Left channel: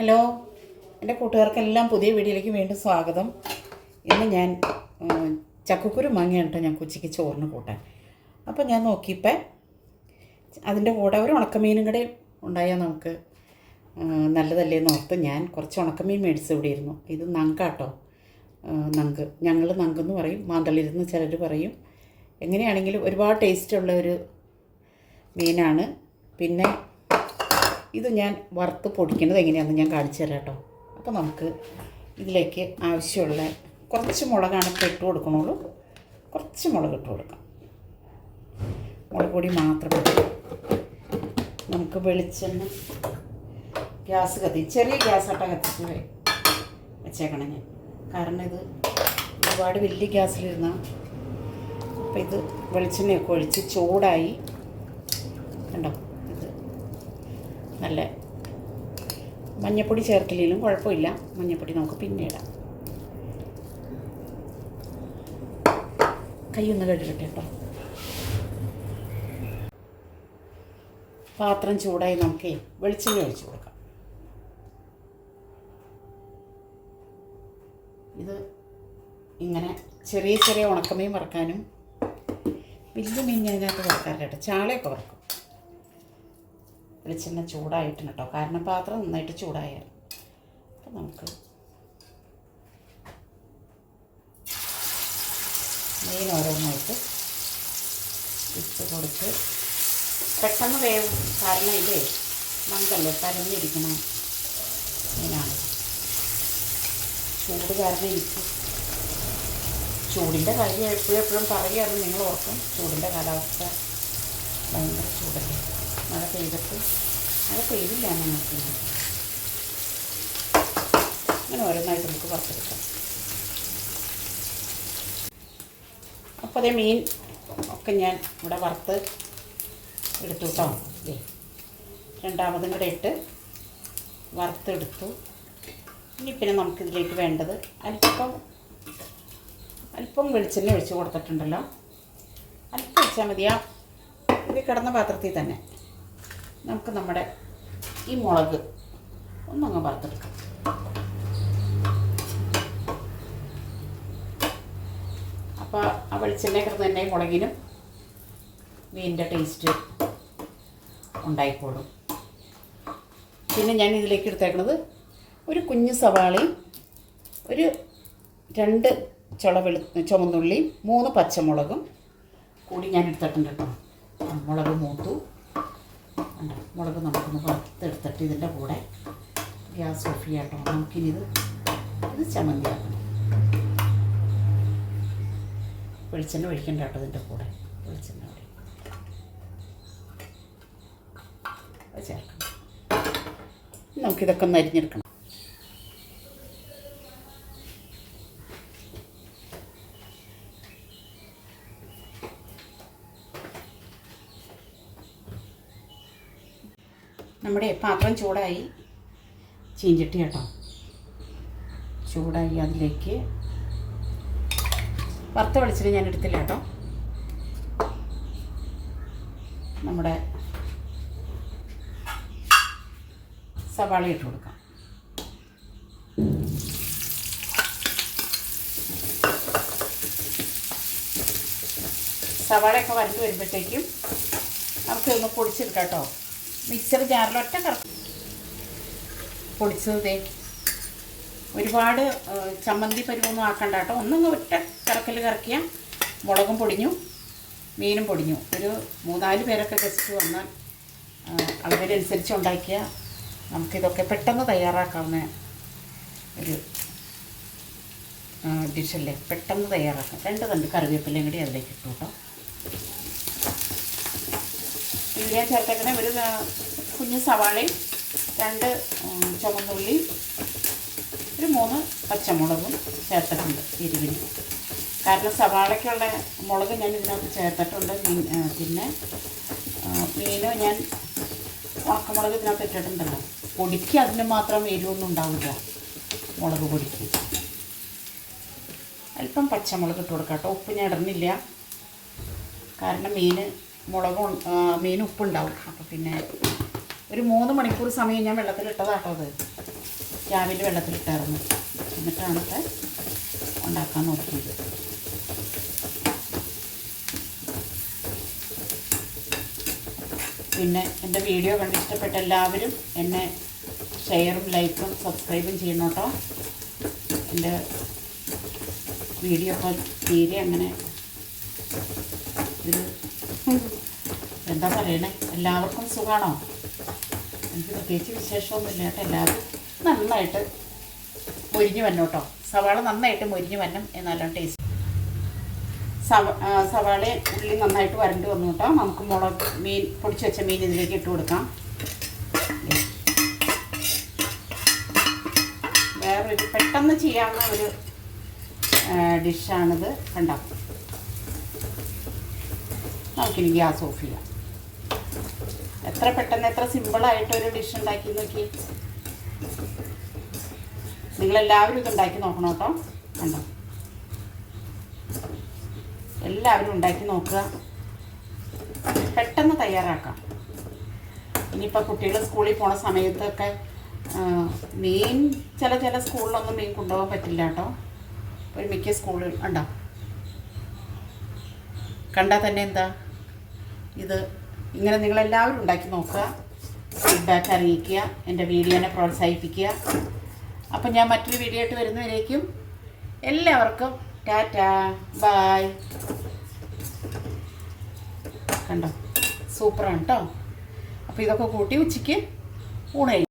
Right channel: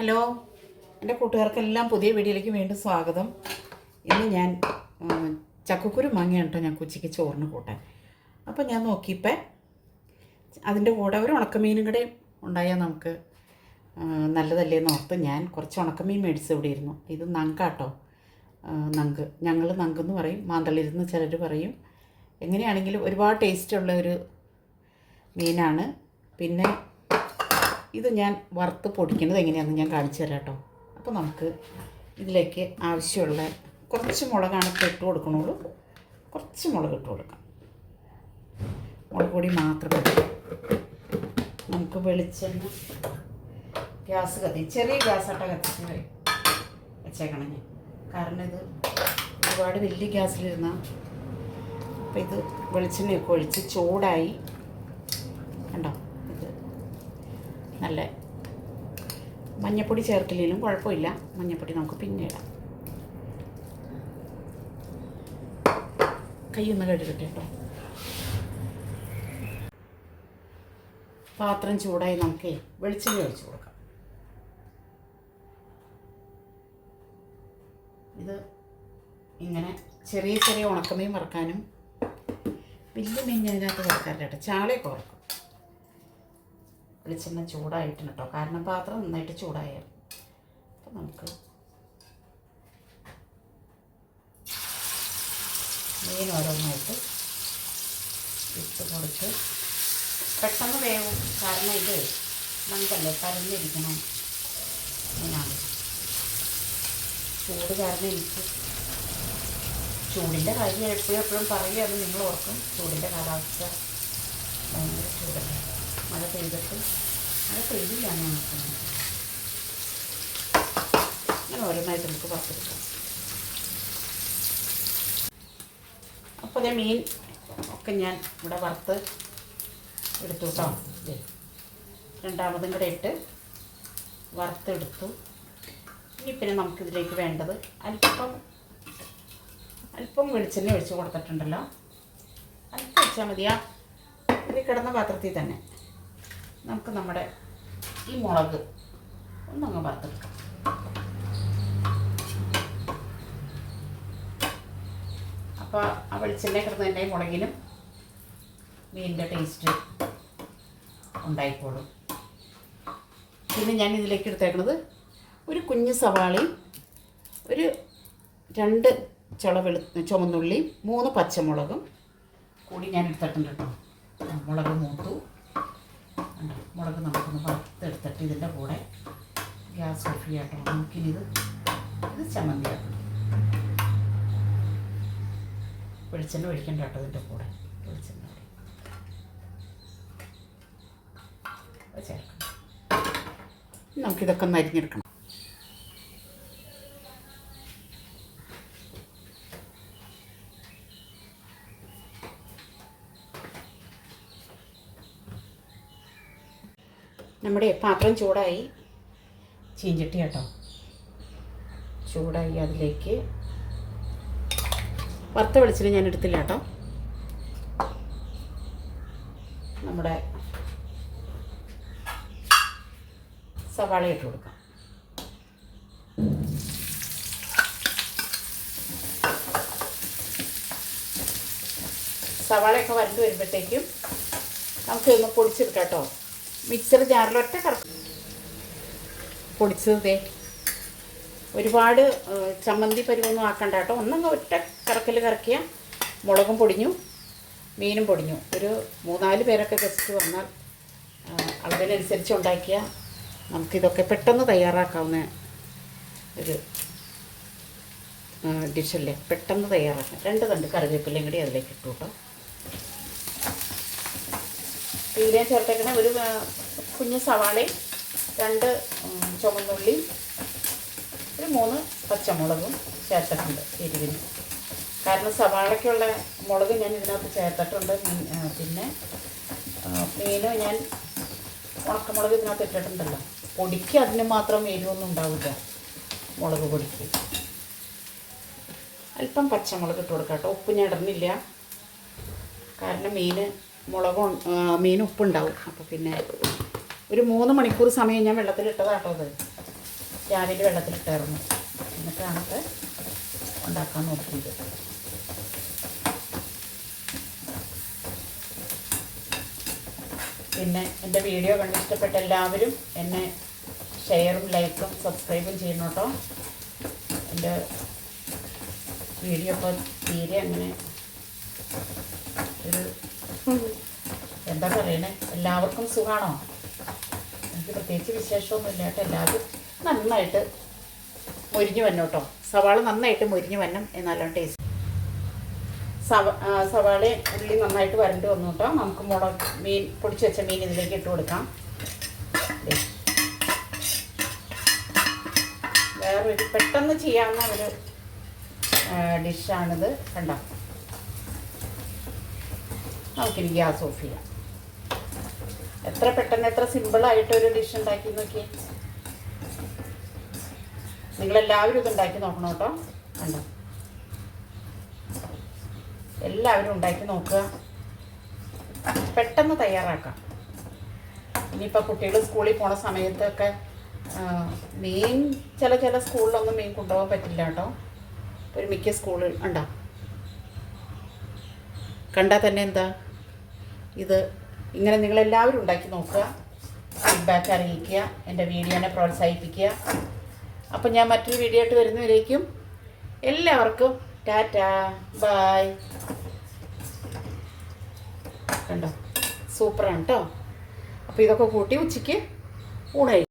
Hello, എൻ്റെ കൂട്ടുകാർക്കെല്ലാം പുതിയ വീഡിയോയിലേക്ക് വീണ്ടും സ്വാഗതം. ഇന്ന് ഞാൻ ചക്കക്കുരു മാങ്ങയാണ് കേട്ടോ ഞാൻ ഉച്ചയ്ക്ക് ചോറിന് കൂട്ടാൻ. അപ്പോൾ ഞാൻ നോക്കിയപ്പോൾ അതിൻ്റെ കൂടെ ഒരു ഉണക്കമീനും കൂടെ ഉണ്ടായാൽ നമുക്ക് നല്ലതല്ലേ എന്ന് ഓർത്ത് ഞാൻ കുറച്ച് ഉണക്കമീൻ മേടിച്ച് ഇവിടെ ഇരുന്നു. ഇത് നങ്കാട്ടോ, നങ്ക്. ഞങ്ങൾ നങ്കെന്ന് പറയും, മാന്തളിരുന്ന് ചിലർ പറയും. എങ്ങനെയാണെങ്കിലും ഒരുപാട് ടേസ്റ്റുള്ള ഒരു മീനാണ്. പിന്നെ ഇത് ഞാൻ വറുത്ത് പൊടിക്കുന്നത് എങ്ങനെയാണെന്ന് ഞാൻ കാണിച്ചു തരാം കേട്ടോ. അപ്പോൾ നമുക്ക് ഇതിലേക്ക് ആവശ്യമുള്ള കുറച്ച് മുളകാണ് ഇപ്പോൾ ഇട്ട് കൊടുക്കണുള്ളൂ. കുറച്ച് മുളക് ഇട്ട് കൊടുക്കാം, മുളക് പൊടി മാത്രം ഇട്ട്. നമുക്ക് വെളിച്ചെണ്ണ ഗ്യാസ് ചെറിയ ഗ്യാസാട്ടോ കത്തിച്ച് വെച്ചേക്കണം ഞാൻ. കാരണം ഇത് ഒരുപാട് വലിയ ഗ്യാസിലിരുന്ന. അപ്പോൾ ഇത് വെളിച്ചെണ്ണയൊക്കെ ഒഴിച്ച് ചൂടായി കണ്ടോ. നല്ല മഞ്ഞപ്പൊടി ചേർക്കില്ലെങ്കിലും കുഴപ്പമില്ല, മഞ്ഞപ്പൊടി നമുക്ക് പിന്നെ ഇടാം. കൈയൊന്ന് കഴുകട്ടെ കേട്ടോ. പാത്രം ചൂടായി നമുക്ക് വെളിച്ചെണ്ണ ഒഴിച്ച് കൊടുക്കാം. ഇത് ഇങ്ങനെ ചെറിയ ചെറിയ ഉണക്കമീൻ വറുക്കാനും വലിയ മീൻ അതിനകത്ത് വറുക്കാറില്ല കേട്ടോ, ചാളയൊക്കെ വറുക്കും. വെളിച്ചെണ്ണ ചൂടായിട്ടുണ്ട് കേട്ടോ, കാരണം പാത്രം നന്നായിട്ട് ചൂടായിരുന്നു. അപ്പോൾ നമുക്ക് മീൻ ഓരോന്നായിട്ട് ഇട്ട് കൊടുത്ത് പെട്ടെന്ന് വേവും. കാരണം ഇതേ നങ്കല്ലേ, പരന്നിരിക്കണ മീനാണ്. ചൂട് കാരണം എനിക്ക് ചൂടിൻ്റെ കാര്യം എപ്പോഴും പറയുകയാണ്, നിങ്ങൾ ഓർക്കും. ചൂടിൻ്റെ കാലാവസ്ഥ ഭയങ്കര ചൂടല്ലേ. മഴ പെയ്തില്ല ഞങ്ങൾക്ക്. അങ്ങനെ ഓരോന്നായിട്ട് നമുക്ക് വറുത്തെടുക്കാം. അപ്പോൾ അതേ മീൻ ഒക്കെ ഞാൻ ഇവിടെ വറുത്ത് എടുത്തു കേട്ടോ. രണ്ടാമതും കൂടെ ഇട്ട് വറുത്തെടുത്തു. ഇനി പിന്നെ നമുക്കിതിലേക്ക് വേണ്ടത് അല്പം വെളിച്ചെണ്ണ ഒഴിച്ച് കൊടുത്തിട്ടുണ്ടല്ലോ. അല്പം ഒഴിച്ചാൽ മതിയാ. ഇത് കിടന്ന പാത്രത്തിൽ തന്നെ നമുക്ക് നമ്മുടെ ഈ മുളക് ഒന്നങ്ങ് വറുത്തെടുക്കാം. അപ്പോൾ ആ വെളിച്ചെണ്ണ കിടന്ന് തന്നെ മുളകിനും മീനിൻ്റെ ടേസ്റ്റ് ഉണ്ടായിക്കോളും. പിന്നെ ഞാൻ ഇതിലേക്ക് എടുത്തേക്കുന്നത് ഒരു കുഞ്ഞ് സവാളയും ഒരു 2 ചുമന്നുള്ളിയും 3 പച്ചമുളകും കൂടി ഞാൻ എടുത്തിട്ടുണ്ട് കേട്ടോ. മുളക് മൂത്തു കണ്ടോ. മുളക് നമുക്കൊന്ന് വറുത്തെടുത്തിട്ട് ഇതിൻ്റെ കൂടെ ഗ്യാസ് ഓഫ് ചെയ്യാം കേട്ടോ. നമുക്കിനി ഇത് ചമ്മന്തിയാക്കണം. വെളിച്ചെണ്ണ ഒഴിക്കണ്ട കേട്ടോ ഇതിൻ്റെ കൂടെ. വെളിച്ചെണ്ണ ചേർക്കണം. നമുക്കിതൊക്കെ ഒന്ന് അരിഞ്ഞെടുക്കണം. നമ്മുടെ പാത്രം ചൂടായി, ചീഞ്ചട്ടി കേട്ടോ ചൂടായി. അതിലേക്ക് വറുത്ത വെളിച്ചെണ്ണ ഞാൻ എടുത്തില്ല കേട്ടോ. നമ്മുടെ സവാള ഇട്ട് കൊടുക്കാം. സവാളയൊക്കെ വരണ്ട് വരുമ്പോഴത്തേക്കും നമുക്കൊന്ന് പൊടിച്ചെടുക്കാം കേട്ടോ. മിക്സർ ജാറിലൊറ്റ കറക്കും പൊടിച്ചതേ. ഒരുപാട് ചമ്മന്തി പരിവൊന്നും ആക്കണ്ട കേട്ടോ. ഒന്നങ്ങ് ഒറ്റ കറക്കൽ കറക്കിയാൽ മുളകും പൊടിഞ്ഞു, മീനും പൊടിഞ്ഞു. ഒരു 3-4 പേരൊക്കെ ഗസ്റ്റ് വന്നാൽ അളവിനനുസരിച്ച് ഉണ്ടാക്കിയാൽ നമുക്കിതൊക്കെ പെട്ടെന്ന് തയ്യാറാക്കാവുന്ന ഒരു ഡിഷല്ലേ. പെട്ടെന്ന് തയ്യാറാക്കാം. 2 തണ്ട് കറിവേപ്പിലയും കൂടി അതിലേക്ക് ഇട്ടു കേട്ടോ. ഇതിൽ ഞാൻ ചേർത്തേക്കണ ഒരു കുഞ്ഞ് സവാളയും 2 ചുവന്നുള്ളി ഒരു 3 പച്ചമുളകും ചേർത്തിട്ടുണ്ട് എരിവിന്. കാരണം സവാളയ്ക്കുള്ള മുളക് ഞാൻ ഇതിനകത്ത് ചേർത്തിട്ടുണ്ട്. പിന്നെ മീനും ഞാൻ ഉണക്കമുളക് ഇതിനകത്ത് ഇട്ടിട്ടുണ്ടല്ലോ. പൊടിക്ക് അതിന് മാത്രം എരിവൊന്നും ഉണ്ടാവില്ല മുളക് പൊടിക്ക്. അല്പം പച്ചമുളക് ഇട്ട് കൊടുക്കാം കേട്ടോ. ഉപ്പ് ഞാൻ ഇടുന്നില്ല, കാരണം മീൻ ഉപ്പുണ്ടാവും. അപ്പോൾ പിന്നെ ഒരു 3 മണിക്കൂർ സമയം ഞാൻ വെള്ളത്തിലിട്ടതാട്ടോ അത്. രാവിലെ വെള്ളത്തിലിട്ടായിരുന്നു. എന്നിട്ടാണ് ഇപ്പോൾ ഉണ്ടാക്കാൻ നോക്കിയത്. പിന്നെ എൻ്റെ വീഡിയോ കണ്ട് ഇഷ്ടപ്പെട്ട എല്ലാവരും എന്നെ ഷെയറും ലൈക്കും സബ്സ്ക്രൈബും ചെയ്യണം കേട്ടോ. എൻ്റെ വീഡിയോ ഇപ്പോൾ തീരെ അങ്ങനെ ഒരു എന്താ പറയണേ, എല്ലാവർക്കും സുഖമാണോ? എനിക്ക് പ്രത്യേകിച്ച് വിശേഷമൊന്നുമില്ല കേട്ടോ. എല്ലാവരും നന്നായിട്ട് മൊരിഞ്ഞ് വരണം കേട്ടോ. സവാള നന്നായിട്ട് മൊരിഞ്ഞ് വരണം, എന്നാലും ടേസ്റ്റ്. സവാളയും ഉള്ളി നന്നായിട്ട് വരണ്ട് വന്നു കേട്ടോ. നമുക്ക് മുളക് മീൻ പൊടിച്ച് വെച്ച മീൻ ഇതിലേക്ക് ഇട്ട് കൊടുക്കാം. വേറൊരു പെട്ടെന്ന് ചെയ്യാവുന്ന ഒരു ഡിഷാണിത്. കണ്ടോ, നമുക്കിനി ഗ്യാസ് ഓഫ് ചെയ്യാം. എത്ര പെട്ടെന്ന് എത്ര സിമ്പിളായിട്ടൊരു ഡിഷ് ഉണ്ടാക്കി നോക്കി. നിങ്ങളെല്ലാവരും ഇത് ഉണ്ടാക്കി നോക്കണം കേട്ടോ. കണ്ടോ, എല്ലാവരും ഉണ്ടാക്കി നോക്കുക. പെട്ടെന്ന് തയ്യാറാക്കാം. ഇനിയിപ്പോൾ കുട്ടികൾ സ്കൂളിൽ പോണ സമയത്തൊക്കെ മീൻ ചില സ്കൂളിലൊന്നും മീൻ കൊണ്ടുപോകാൻ പറ്റില്ല കേട്ടോ. ഒരു മിക്ക സ്കൂളുകൾ ഉണ്ടോ, കണ്ടാൽ തന്നെ എന്താ ഇത്. ഇങ്ങനെ നിങ്ങളെല്ലാവരും ഉണ്ടാക്കി നോക്കുക, ഫീഡ്ബാക്ക് അറിയിക്കുക, എൻ്റെ വീഡിയോനെ പ്രോത്സാഹിപ്പിക്കുക. അപ്പം ഞാൻ മറ്റൊരു വീഡിയോ ആയിട്ട് വരുന്നവരേക്കും എല്ലാവർക്കും ടാറ്റാ ബൈ. കണ്ടോ, സൂപ്പറാണ് കേട്ടോ. അപ്പോൾ ഇതൊക്കെ കൂട്ടി ഉച്ചയ്ക്ക് ഊണ് കഴിക്കും.